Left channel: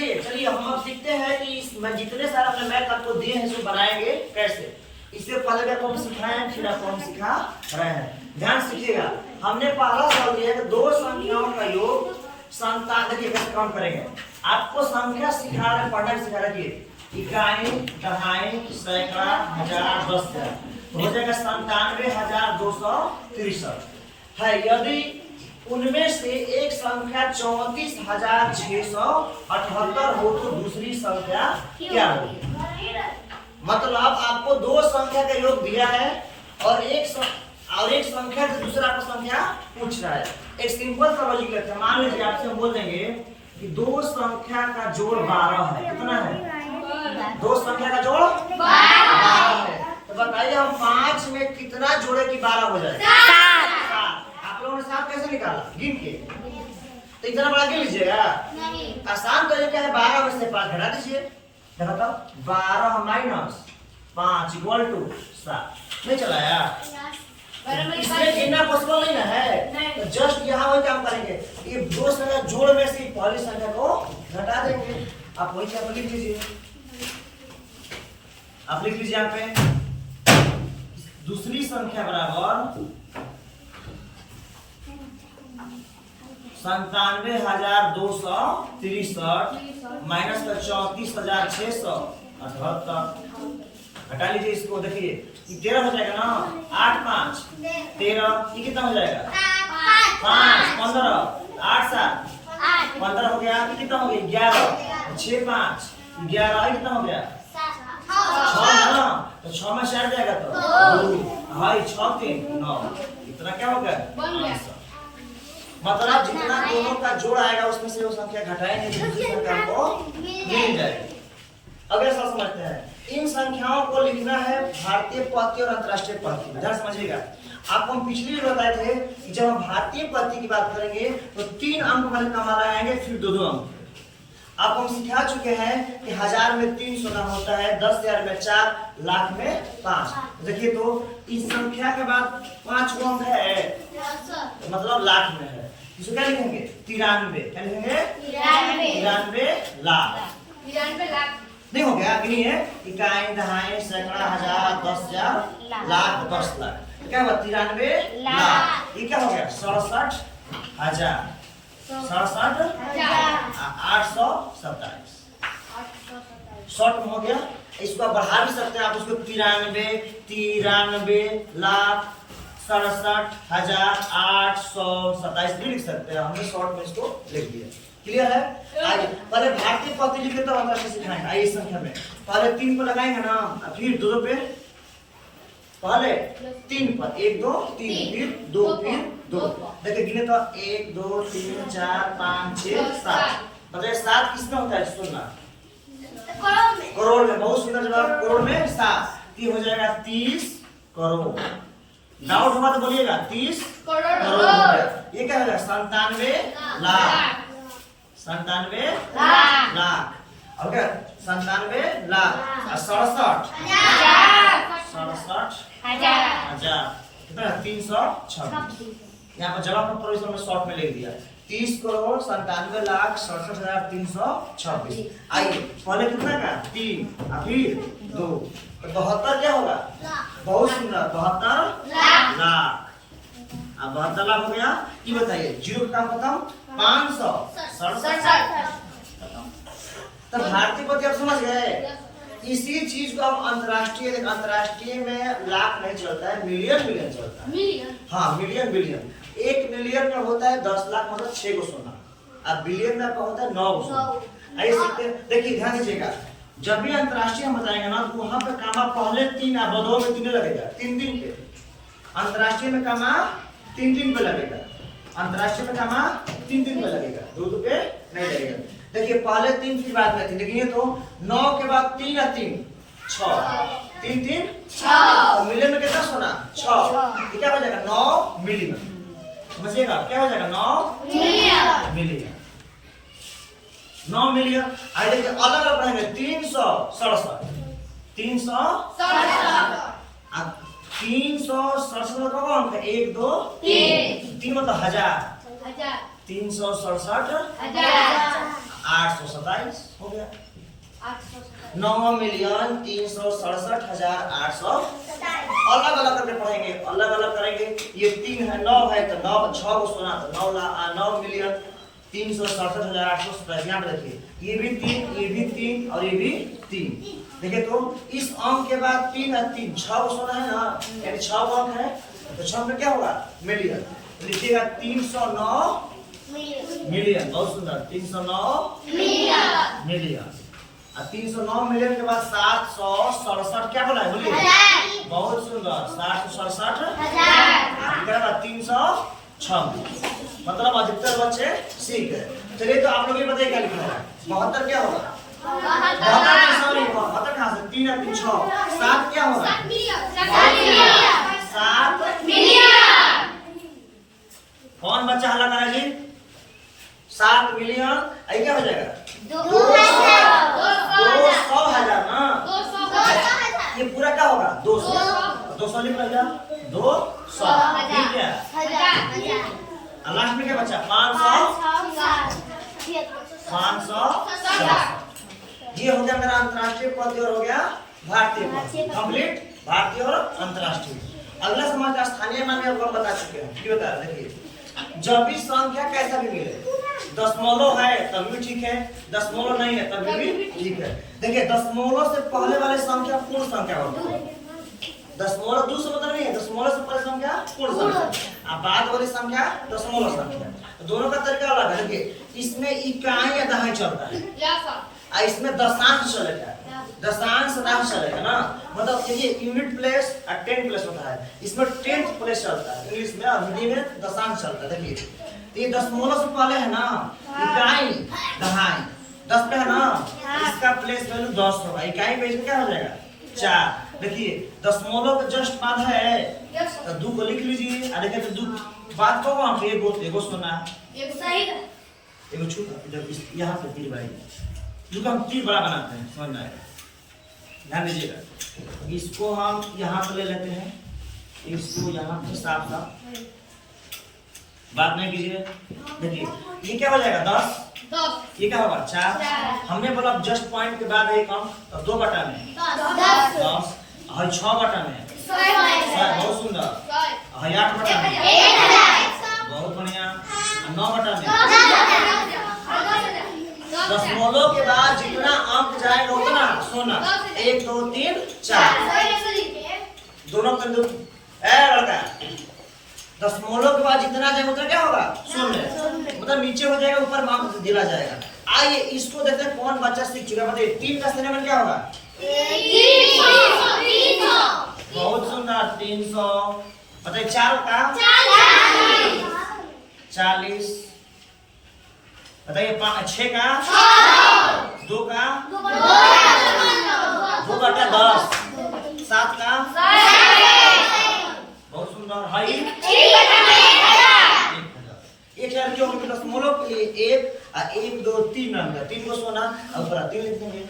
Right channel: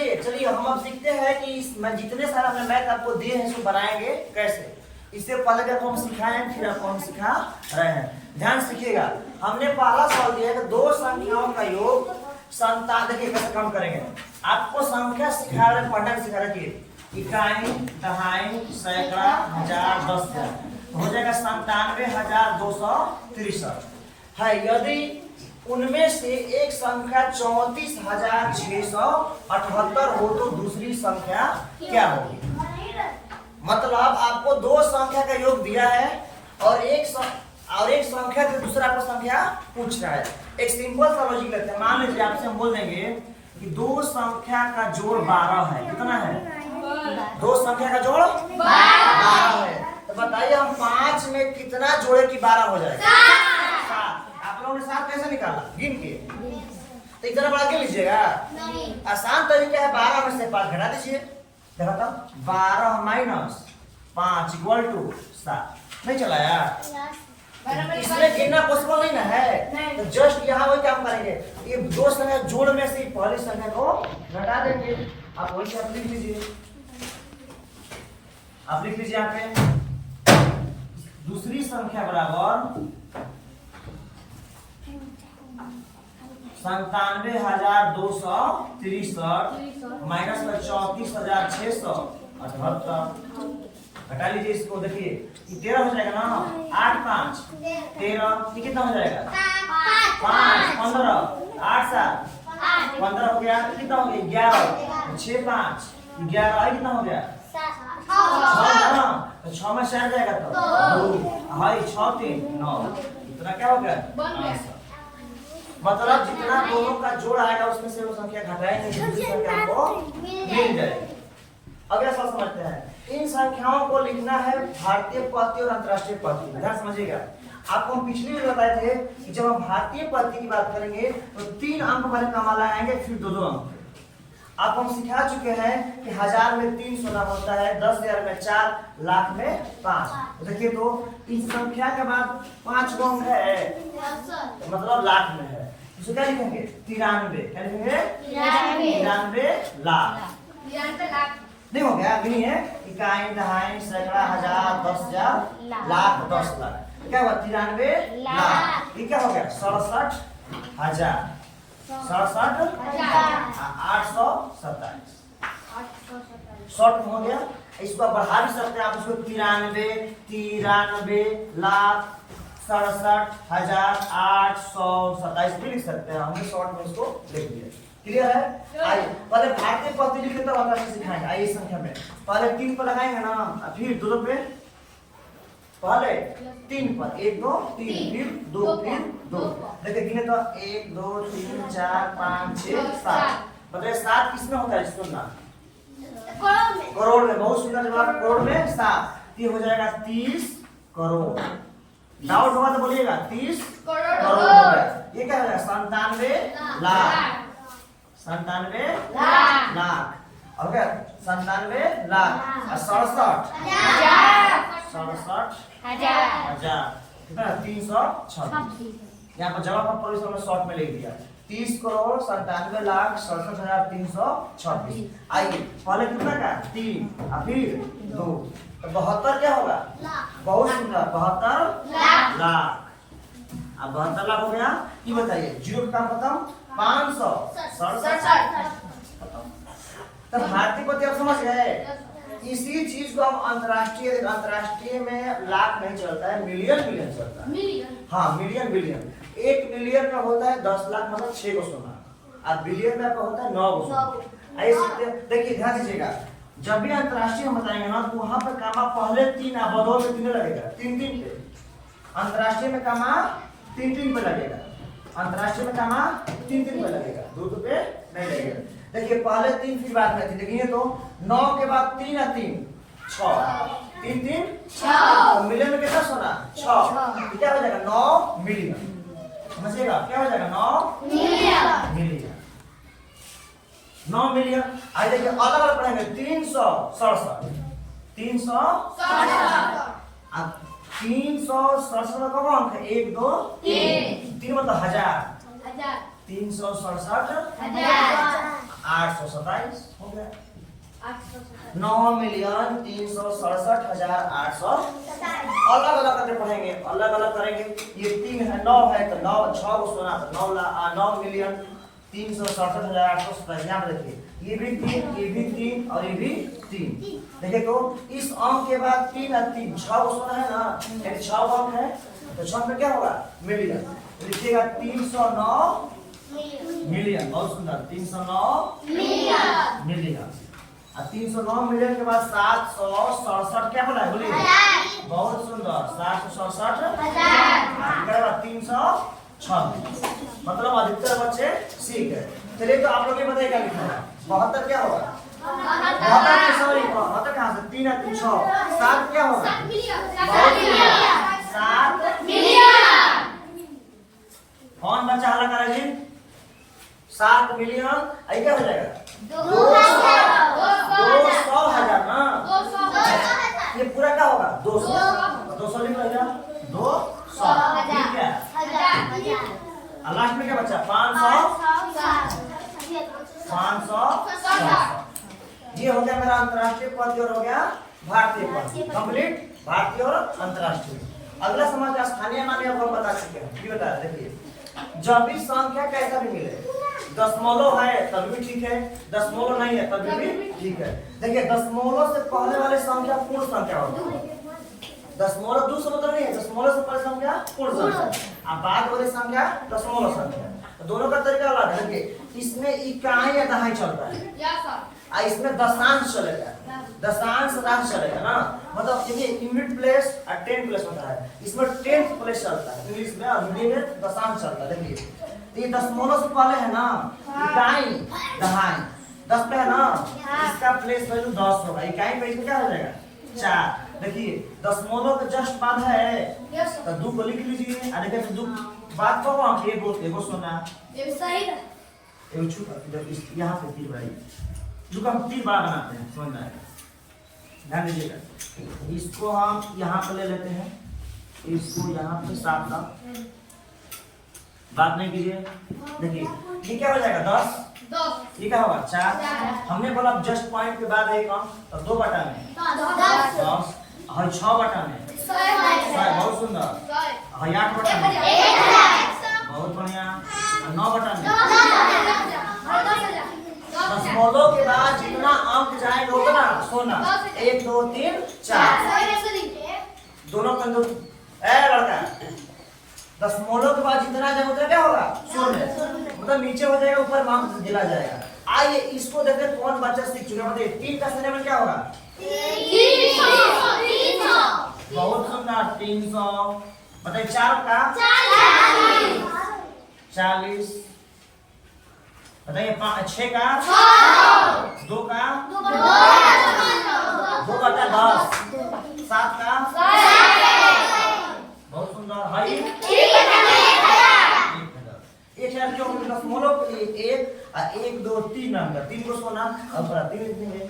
समझिए। चलिए हम अब सीखते हैं कि मैं जितने सारे हमने मैथ आपको दिए हैं इसको बनाएंगे कैसे। इससे पहले भी आपको हम सिखाए हैं, फिर आपको हम सिखा रहे हैं। ध्यान सीखिएगा। हमने पहला सवाल दिया कि दो संख्याओं का योग 57। देखिए कैसे काम करेंगे। आपको संख्या सिखा रहे, पढ़ना भी सिखा रहे थे। इकाई, दहाई, सैकड़ा, हजार, 10,000 हो जाएगा 97,263 है। यदि उनमें से एक संख्या 34,678 हो तो दूसरी संख्या क्या होगी। मतलब आपको दो संख्या का योग दिया है और एक संख्या से दूसरा आपको संख्या पूछ रहा है। एक सिंपल सा लॉजिक लेते हैं। मान लीजिए आपसे हम बोल देंगे कि दो संख्या का जोड़ 12 है। कितना है? दो संख्या का जोड़ 12 है। तो बताइए हम 5 में कितना जोड़े कि 12 हो जाएगा? 7। आप लोगों ने 7 कैसे निकाला? गिन के। तो इतना बड़ा गिन लीजिएगा। आसान तरीका है, 12 में से 5 घटा दीजिए। देखो 12 माइनस 5 इक्वल टू 7। नहीं चला यार? इसमें गिनना पॉसिबल नहीं ना है। तो जस्ट यहाँ वही काम करेंगे। ये दो संख्या जोड़ में से पहली संख्या को घटा देंगे। आप वही आप लिख लीजिए। आप लिख लीजिए यहाँ पे दूसरी संख्या बराबर 97,263 माइनस 34,678 घटा लीजिए इसको। देखिए 13 हो जाएगा ना। 8 5 13, ये कितना हो जाएगा? 5 15 8 7 15 हो गया। ये कितना हो गया? 11 6 5 11, ये कितना हो गया? 6 ना। तो 6 में से हट जाएगा तो 2 हाई 6 3 9। इतना क्या हो गया? मतलब जितना दोनों का जोड़ आएगा उसमें से वो संख्या घटाएंगे, दूसरी संख्या को मिल जाएगी। अगला सवाल समझते हैं। इन संख्याओं को लिखना है भारतीय पद्धति और अंतरराष्ट्रीय पद्धति। ध्यान समझिएगा। आपको हम पिछली भी बताए थे कि जब हम भारतीय पद्धति की बात करेंगे तो 3 अंक पहले कमाला आएंगे, फिर 2 अंक। आपको हम सिखा चुके हैं कि 1000 में 3 सोना होता है, 10,000 में 4, लाख में 5। देखिए तो इस संख्या के बाद 5 अंक है, मतलब लाख में है। इसको क्या लिखेंगे? 93। क्या लिखेंगे? 93 लाख। नहीं हो गया? गिनिए। इकाई, दहाई, सैकड़ा, हजार, 10,000, लाख, 10 लाख। क्या हुआ? 93 लाख। ये क्या हो गया? 67,000। 67,827 शॉर्ट में हो गया। इसको आप बढ़ा भी सकते हैं। आप इसको 93 लाख 67,827 लिख सकते हैं। हमने शॉर्ट में इसको लिख दिया। क्लियर है? आइए पहले भारतीय पद्धति लिखे तो अंदर सिखाएंगे। आइए इस संख्या में पहले 3 पर लगाएंगे ना, फिर 2 पे, पहले 3 पर 1 2 3, फिर 2, फिर 2। देखिए गिने तो 1 2 3 4 5 6 7। बताइए 7 किसमें होता है? सुनना, करोड़ में। बहुत सुंदर जवाब। करोड़ में 7। ये हो जाएगा 30 करोड़। डाउट होगा तो बोलिएगा। 30 करोड़ हो गया। ये क्या होगा? 97 लाख। 97 लाख। और क्या? 97 लाख और 67,000 कितना? 326। यहाँ पर जगह पर प्रोविजन में शॉर्ट में लिख दिया। 30 करोड़ 97,67,326। आइए पहले कितना का? 3 और फिर 2, तो 72 क्या होगा? बहुत सुंदर, 72 लाख। अब 72 लाख हो गया। ये बताइए 0 का खत्म, 567 खत्म। तो भारतीय पद्धति आप समझ गए। इसी चीज को हम अंतरराष्ट्रीय में लाख नहीं चलता है, मिलियन चलता है। हाँ, मिलियन। 1 मिलियन में होता है 10 लाख, मतलब 6 को सोना। अब बिलियन में आपका होता है 9 को सोना। आइए सीखते हैं। देखिए ध्यान दीजिएगा। जब भी अंतरराष्ट्रीय हम बताएंगे ना तो वहां पर कामा पहले 3 या बदौल में 3 लगेगा। 3 पे। अंतरराष्ट्रीय में कामा 3 पे लगेगा। अंतरराष्ट्रीय में कामा 3 पे लगेगा, 2 पे नहीं लगेगा। देखिए पहले 3 फिर बाद में 3। देखिए तो 9 के बाद 3 और 3 6। 3 6। मिलियन में कितना सोना? 6। क्या हो जाएगा? 9 मिलियन। समझिएगा क्या हो जाएगा? 9 मिलियन। 9 मिलियन। आइए देखिए अलग अलग पढ़ेंगे। 367 367 का अंक है 1 2 3 मतलब 1000। 367 827 हो गया। 9,367,800 अलग अलग करके पढ़ेंगे, अलग अलग करेंगे। ये 3 है, 9 है तो 9 6 को सोना तो 9,367,800 यहाँ पे देखिए, ये भी 3, ये भी 3 और ये भी 3। देखिए तो इस अंक के बाद 3 है, 3 6 को सोना है ना, 6 अंक है तो 6 में क्या होगा मिलियन, लिखिएगा 309 मिलियन। बहुत सुंदर, 309 मिलियन। 309 मिलियन के बाद 767 क्या बोला है बोलिए, बहुत सुंदर, 767 हजार 326, मतलब अधिकतर बच्चे सीख गए। चलिए तो आप लोग ये बताइए क्या लिखा है, 72 क्या होगा, 72 सॉरी 72 कहाँ से, 3 है 3 6, 7 क्या होगा 7 मिलियन। कौन बच्चा हल्ला करेगा जी, 7 मिलियन, आई क्या हो जाएगा 200 हजार ना, ये पूरा क्या होगा 200, 200 लिख लो, 200 ठीक है। लास्ट में क्या बचा 500 ये हो गया मेरा अंतरराष्ट्रीय पद और हो गया भारतीय पद, कंप्लीट भारतीय और अंतरराष्ट्रीय। अगला समाज का स्थानीय नाम आपको बता चुके हैं, ये बता रहे देखिए, जब भी संख्या कैसा भी मिले, दशमलव है तब भी ठीक है, दशमलव नहीं है तब भी ठीक है। देखिए दशमलव से पहले वाले संख्या पूर्ण संख्या होती है, दशमलव दूसरा मतलब नहीं है, दशमलव से पहले संख्या पूर्ण संख्या, अब बाद वाली संख्या दशमलव संख्या, तो दोनों का तरीका अलग है। देखिए इसमें इकाई या दहाई चलता है, और इसमें दशांश चलेगा, दशांश शतांश चलेगा ना, मतलब देखिए यूनिट प्लेस और 10 प्लेस होता है, इसमें 10th प्लेस चलता है इंग्लिश में, और हिंदी में दशांश चलता है। देखिए ये दशमलव से पहले है ना इकाई दहाई, 10 पे है ना, इसका प्लेस वैल्यू 10 होगा, इकाई पे इसमें क्या हो जाएगा 4। देखिए दशमलव के जस्ट बाद है तो 2 को लिख लीजिए, और देखिए तो 2 बाद को कौन एगो सुना एगो छूटा, जब यहाँ पे तीर भाई जो हम तीर बड़ा बनाते हैं समझ में आएगा, ध्यान दीजिएगा। इसको हम यहाँ पर ले लेते हैं, इसको यहाँ पे साफ साफ बात नहीं कीजिए। देखिए ये क्या हो जाएगा 10, ये क्या होगा 4, हमने बोला जस्ट पॉइंट के बाद एक अंक तो 2 बटा में 10, और 6 बटा में 100, बहुत सुंदर, और 8 बटा में बहुत बढ़िया, 9 बटा में। दशमलव के बाद जितना अंक जाएगा उतना सोना, 1 2 3 4 दोनों को लड़का, दशमलव के बाद जितना जाएगा उतना क्या होगा शून्य, मतलब नीचे हो जाएगा ऊपर अंक दिला जाएगा। आइए इसको देखते हैं कौन बच्चा सीख चुका है, बताइए 3 का श्रेणी में क्या होगा 300, बहुत सुंदर 300, बताइए 4 का 40, बताइए 6 का 2 का 2 बटा 10, 7 का बहुत सुंदर है 1 जो दशमलव के लिए 1 और 1 2 3 नंबर 3 को सोना और ऊपर 3 लिख देंगे।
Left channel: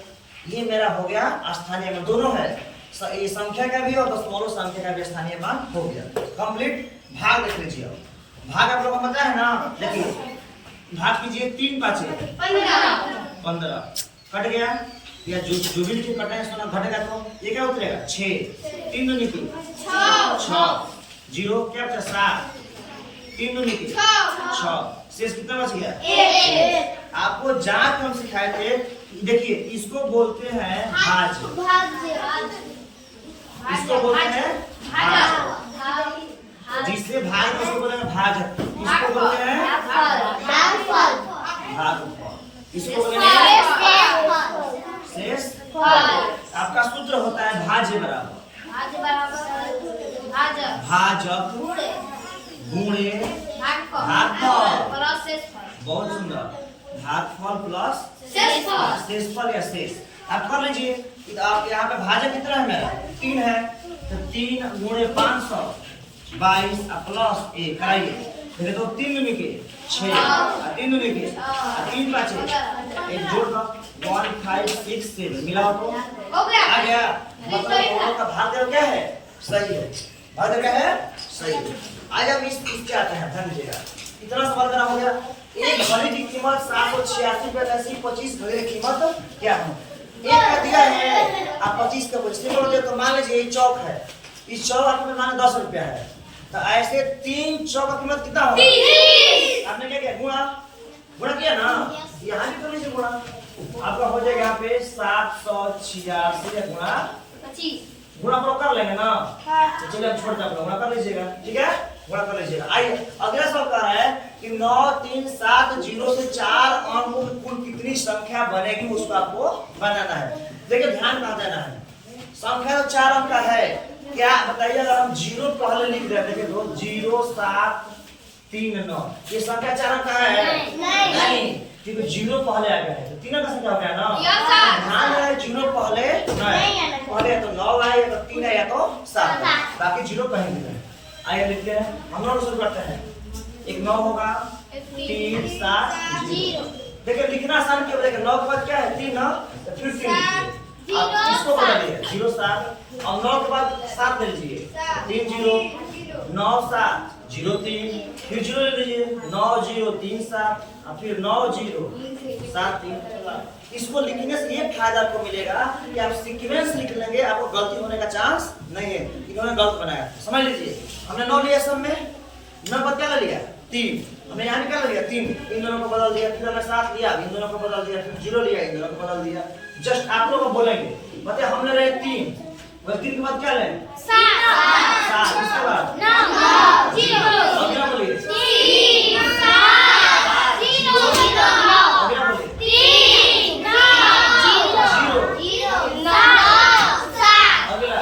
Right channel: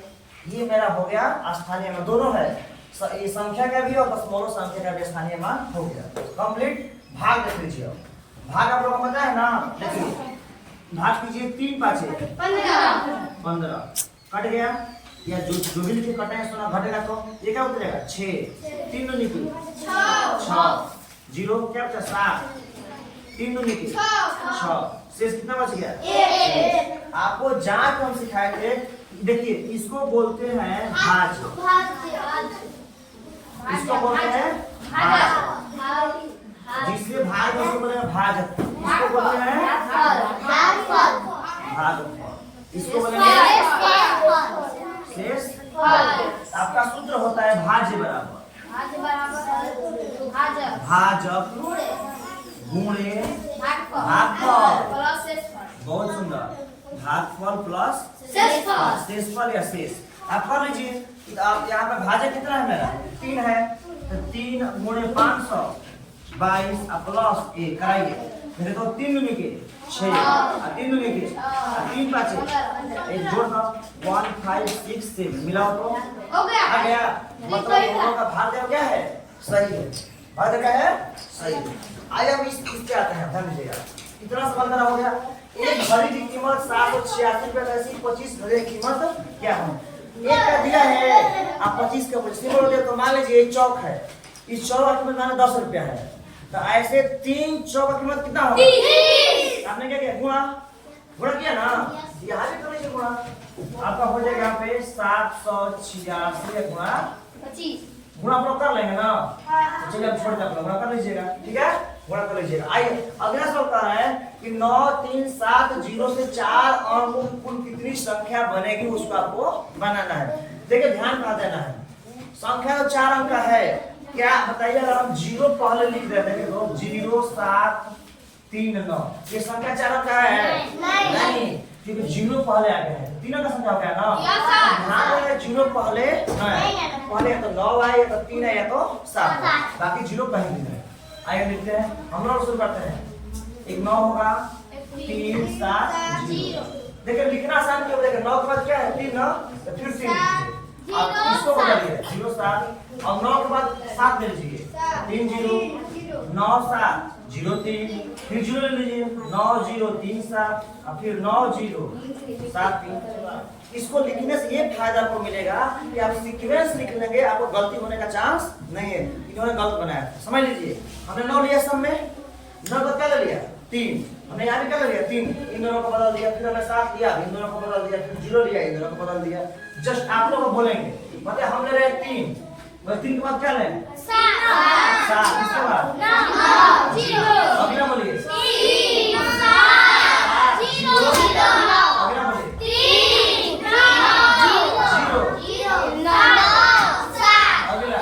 ये मेरा हो गया स्थानीय मान, दोनों है ये संख्या का भी और दशमलव संख्या का भी स्थानीय मान हो गया कंप्लीट। भाग देख लीजिए, भाग आप लोगों को पता है ना, देखिए भाग कीजिए 3 5 15 कट गया, या जो भी लिखे कटे सोना घटेगा तो ये क्या उतरेगा 6, 3 दूनी 3 6, 0 क्या बचा 7, 3 दूनी 6, शेष कितना बच गया 1। आपको जांच हम सिखाए थे, देखिए इसको बोलते हैं भाज, इसको बोलते हैं भाज, जिससे भाग इसको बोलते हैं भाजक, इसको बोलते हैं भागफल, इसको बोलते हैं शेष। आपका सूत्र होता है भाज्य बराबर भाजक गुणे भागफल, बहुत सुंदर, भागफल प्लस शेषफल या शेष। आप कर लीजिए, आप यहाँ पे भाजक कितना है मेरा 3 है, तो 3 गुणे 500 22 प्लस 1 कराइए, तो 3 दूनी के 6 और 3 दूनी के 3 5 1 जोड़ना 1 5 6 7 मिलाओ तो आ गया, मतलब दोनों का भाग क्या है सही है, भाग क्या है सही है। आज हम इस पे आते हैं, ध्यान दीजिएगा, इतना सवाल करा हो गया। एक घड़ी की कीमत 786 रुपए 25 घड़ी की कीमत क्या है? एक का दिया है आप 25 का सिंबल दिया, तो मान लीजिए एक चौक है, इस चौक का कीमत मान 10 रुपया है, तो ऐसे 3 चौक का कीमत कितना होगा? आपने क्या किया? गुणा किया ना, यहाँ भी कर लीजिए गुणा, आपका हो जाएगा यहाँ पे 786 गुणा 25, गुणा आप लोग कर लेंगे ना, तो चलिए हम छोड़ दें, गुणा कर लीजिएगा, ठीक है, गुणा कर लीजिएगा। आइए अगला सवाल कह रहा है कि 9 3 7 0 से 4 अंकों की कुल कितनी संख्या बनेगी, उसको आपको बनाना है। देखिए ध्यान कहाँ देना है, संख्या 4 अंक का है, क्या बताइए? अगर हम 0 पहले लिख देते हैं तो 0 7 3 9, ये संख्या 4 अंक का है? नहीं, क्योंकि 0 पहले आ गया है, तो 3 अंक का संख्या हो गया ना, ध्यान देना 0 पहले पहले या तो 9 आए या तो 3 है या तो 7, बाकी 0 कहीं नहीं है। आइए लिखते हैं, हम लोग शुरू करते हैं। एक 9 होगा, 3 7 0। देखिए लिखना आसान क्यों? देखिए 9 के बाद क्या है? 3 ना, तो फिर 3 लिखिए, आप इसको बदलिए 0 7 और 9 के बाद 7 ले लीजिए, 3 0 9 7 0 3, फिर 0 ले लीजिए 9 0 3 7 और फिर 9 0 7 3। इसको लिखने से ये फायदा आपको मिलेगा कि आप सीक्वेंस लिख लेंगे, आपको गलती होने का चांस नहीं है। इन्होंने गलत बनाया, समझ लीजिए, हमने 9 लिया सब में, 9 बाद क्या ले लिया? 3, हमने यहाँ क्या ले लिया? 3, इन दोनों को बदल दिया, फिर हमने 7 लिया, इन दोनों को बदल दिया, फिर 0 लिया, इन दोनों को बदल दिया। जस्ट आप लोग बोलेंगे, बताए हमने रहे 3, 3 के बाद क्या लें? 7, इसके बाद अगला बोलिए 3 7 0, अगला बोलिए 3 0 अगला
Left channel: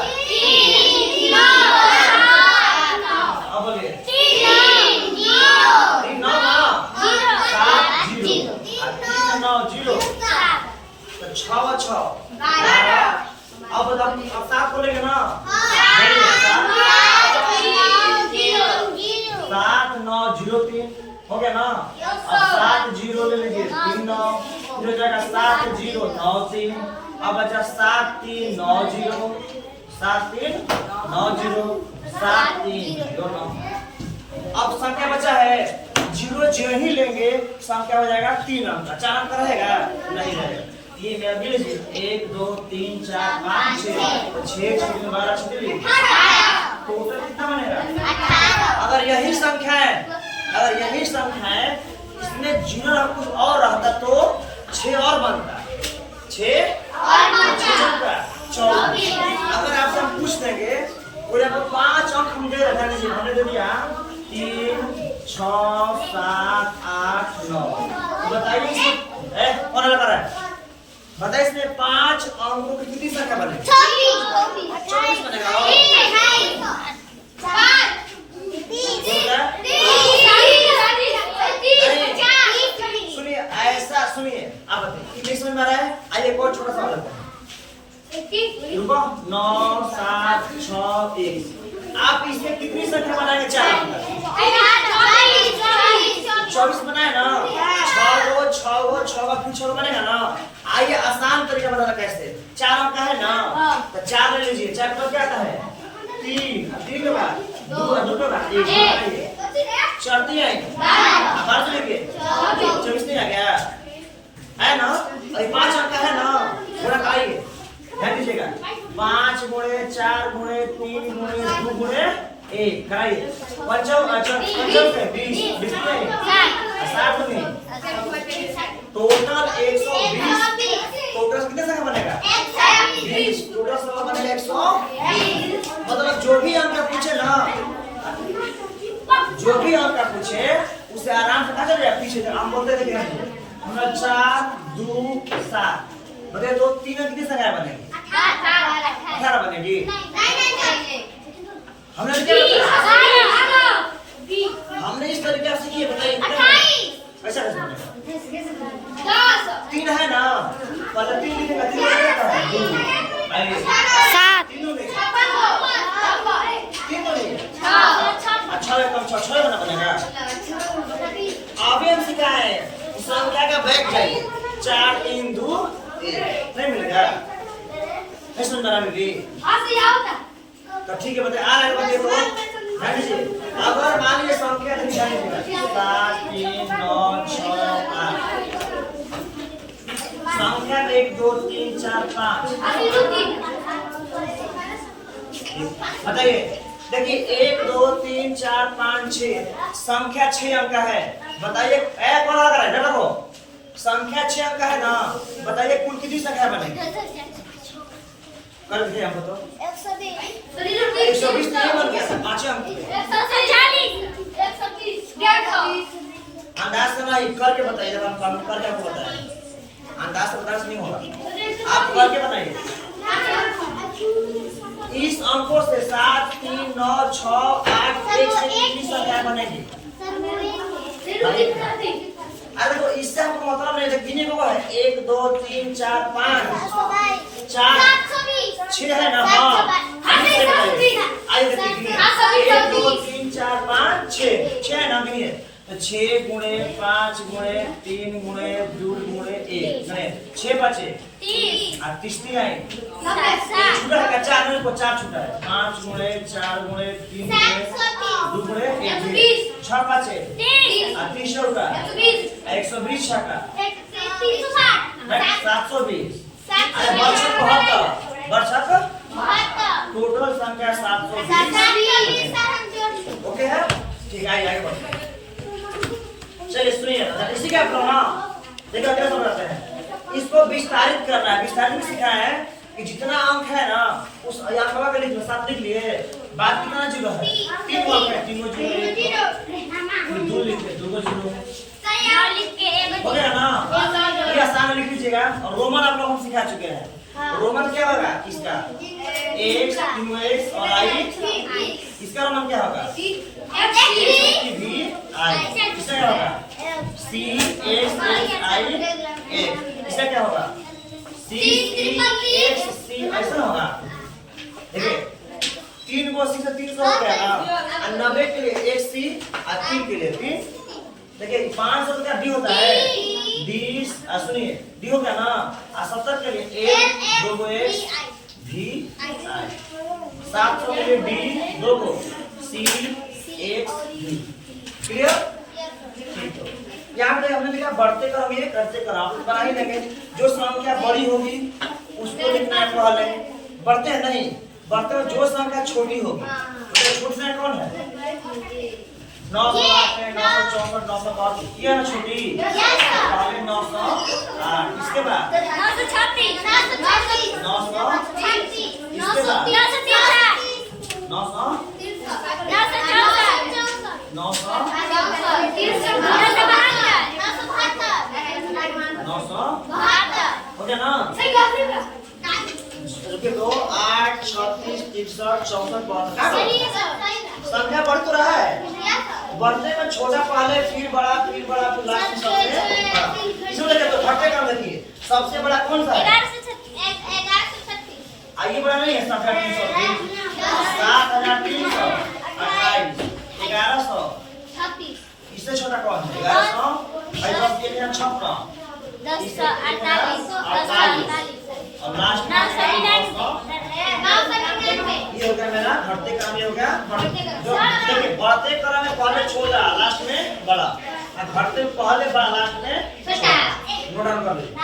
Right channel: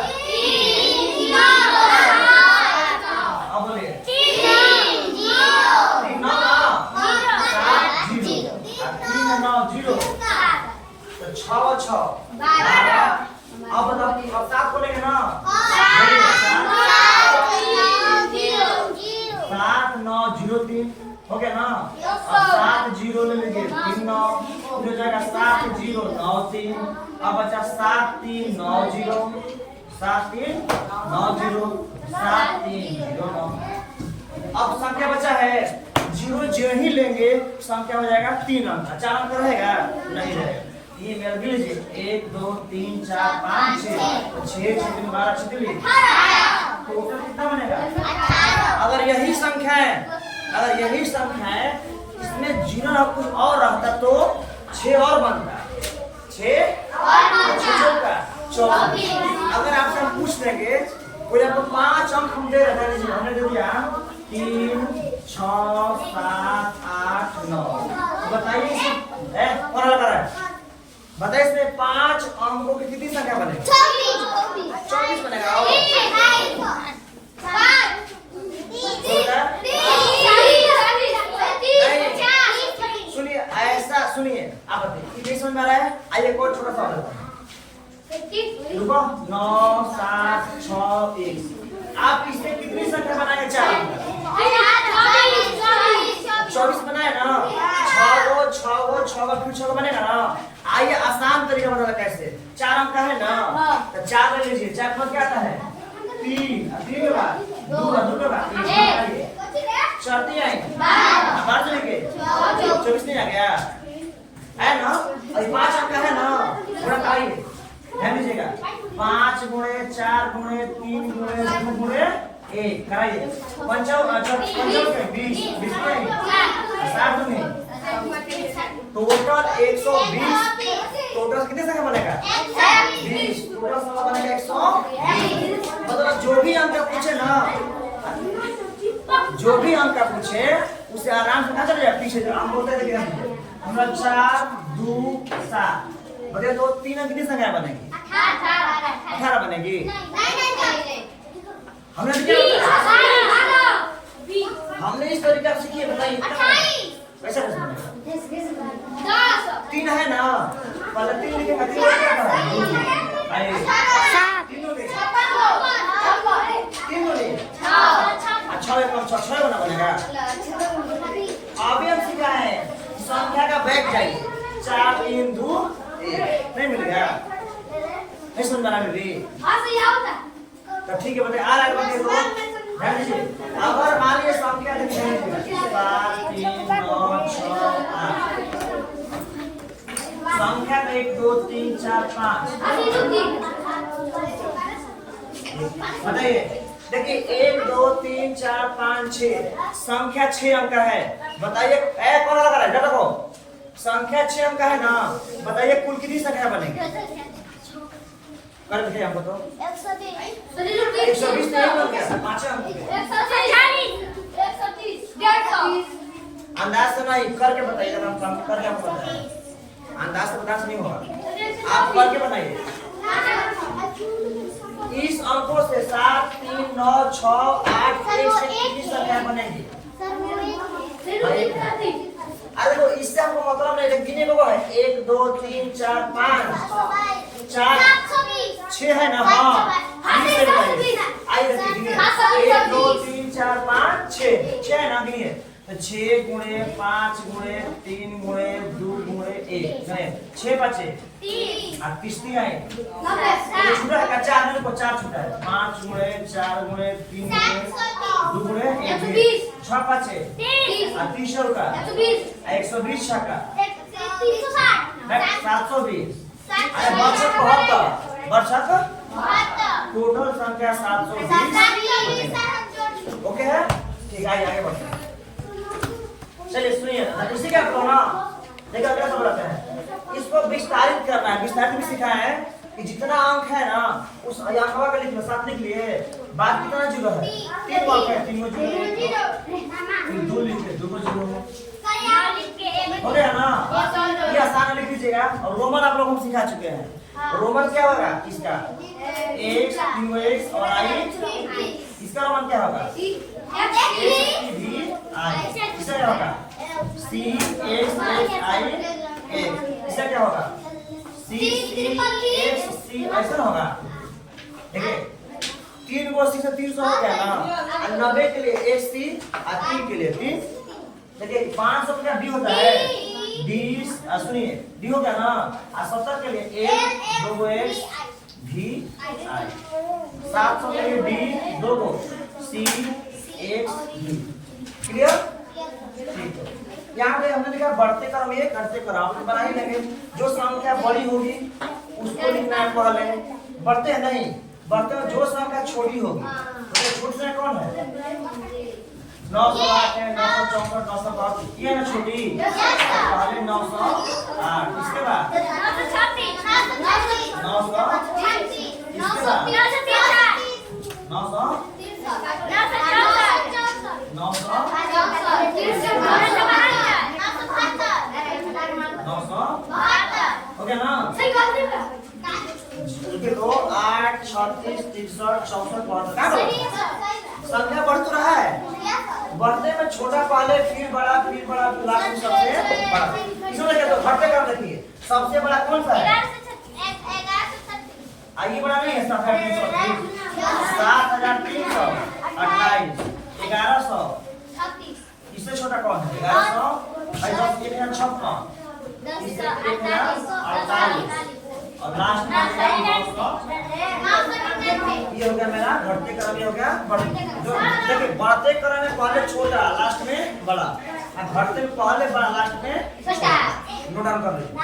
अब बोलिए 3 9 7 0 3 9 0, तो 6 6 12। अब बताओ, अब 7 बोलेंगे ना, 7 9 0 3 हो गया ना, अब 7 0 ले लीजिए, 3 9, फिर हो जाएगा 7 0 9 3, अब बचा 7 3 9 0, 7 3 9 0 7 3 0 9। अब संख्या बचा है 0 जो ही लेंगे संख्या हो जाएगा 3 अंक, 4 अंक रहेगा नहीं रहेगा। ये मेरा भी लीजिए 1 2 3 4 5 6 6 12 छुट्टी, टोटल कितना बनेगा? अगर यही संख्या है, अगर यही संख्या है इसमें 0 कुछ और रहता तो 6 और बनता, 6 का 24। अगर आपसे हम पूछ देंगे कोई आपको 5 अंक हम दे रहे हैं, हमने दे दिया 3 6 7 8 9, बताइए इसमें कौन लगा रहा है? बताइए इसमें 5 अंकों की कितनी संख्या बनेगी? 24 बनेगा। सुनिए ऐसा सुनिए, आप बताइए नहीं समझ में आ रहा है? आइए एक और छोटा सा होता है, 9 7 6 1, आप इसमें कितनी संख्या बनाएंगे? 4 अंक, 24 बनाए ना, 6 गो फिर 6 गो बनेगा ना। आइए आसान तरीका बताना कैसे, 4 अंक का है ना, तो 4 ले लीजिए, 4 के बाद क्या आता है? 3 के बाद 2 के बाद 1 चढ़ती आएंगे, बाहर से लेके 24 नहीं आ गया है ना। अभी 5 अंक का है ना, गुणा कराइए, ध्यान दीजिएगा, 5 गुणे 4 गुणे 3 गुणे 2 गुणे 1 कराइए, 20 60 में टोटल 120, टोटल कितने संख्या बनेगा? 20, टोटल संख्या बनेगा 120। मतलब जो भी अंक पूछे ना, जो भी अंक पूछे उसे आराम से कहा चल जाए, पीछे जो हम बोलते थे हमरा 4 2 7, बताइए तो 3 अंक कितनी संख्या बनेगी? 18 बनेगी। हमने क्या बताया? हमने इस तरीके से सीखी है, बताइए कैसा बनेगा? 3 है ना, पहले 3 लिखेगा, 3 क्या था? 2 7 अच्छा कम 6 बना बनेगा। अभी हम सीखा है संख्या का बैक जाइए, 4 3 2 1 नहीं मिल गया, नहीं सुन बना दीदी, तो ठीक है बताइए आ रहा है, बताइए तो ध्यान दीजिए। अगर मान लीजिए संख्या देखिए 7 3 9 6 8 संख्या 1 2 3 4 5 बताइए। देखिए 1 2 3 4 5 6 संख्या 6 अंक का है। बताइए कौन लगा रहा है? देखो संख्या 6 अंक का है ना, बताइए कुल कितनी संख्या बनेगी? कर देखिए हमको तो 120 नहीं बन गया था 5 अंक पे। 140 अंदाज से नहीं करके बताइए। जब हम करके आपको बताएं अंदाज से बता नहीं होगा, आप करके बताइए। इस अंकों से 7 3 9 6 8 1 से कितनी संख्या बनेगी? अरे तो इससे हमको मतलब नहीं है, गिने को है 1 2 3 4 5 4 6 है ना। हाँ आइए देखिए गिनिए 1 2 3 4 5 6 है ना। गिनिए तो 6 गुणे 5 गुणे 3 गुणे 2 गुणे 1 है 6 बचे 30 आए। छूटा है 4 गुणे को 4 छूटा है 5 गुणे 4 गुणे 3 गुणे 2 गुणे 1 6 बचे 30 का 120 का 720। अरे बरछत टोटल संख्या 720। ओके है ठीक है आगे बढ़ते हैं। चलिए सुनिए इसी का अपना देखो क्या समझाते हैं। इसको विस्तारित करना है। विस्तारित में सीखा है कि जितना अंक है ना उस अंक का लिख लो 7 लिख लिए। बाद कितना जीरो है? 3 अंक है 3 जीरो 2 लिख ले 2 जीरो हो गया ना। ये आसान लिख लीजिएगा। और रोमन आप लोग हम सिखा चुके हैं। रोमन क्या होगा इसका? x 3x और i। इसका रोमन क्या होगा? v i। इसका क्या होगा? c x i x। इसका क्या होगा? c x c ऐसा होगा। देखिए 3 को c से 300 हो गया ना। और 90 के लिए एक c और 3 के लिए 3। देखिए 500 का डी होता है डी। सुनिए डी हो गया ना। और 70 के लिए 1 2 x v i। 700 के लिए डी 2 को c x v। क्लियर? ठीक है। यहाँ पे हमने लिखा बढ़ते क्रम ये करते क्रम आप बना ही लेंगे। जो संख्या बड़ी होगी उसको लिखना है पहले। बढ़ते हैं नहीं, बढ़ते में जो संख्या छोटी होगी तो छोटी संख्या कौन है? 908 है 964 905 ये ना छोटी पहले 908। इसके बाद 900 इसके बाद 900 ओके ना। रुकिए तो 8 36 63 64 संख्या बढ़ तो रहा है। बढ़ने में छोटा पहले फिर बड़ा फिर लास्ट में सबसे बड़ा। इसमें देखिए तो घटते क्रम देखिए सबसे बड़ा कौन सा है? आइए बड़ा नहीं है 7328 1100। इससे छोटा कौन है? 1100 10 56 और लास्ट में 900। ये हो गया मेरा घटते क्रम। ये हो गया देखिए बढ़ते क्रम में पहले छोटा लास्ट में बड़ा और घटते में पहले बड़ा लास्ट में छोटा। नोट डाउन कर लीजिए।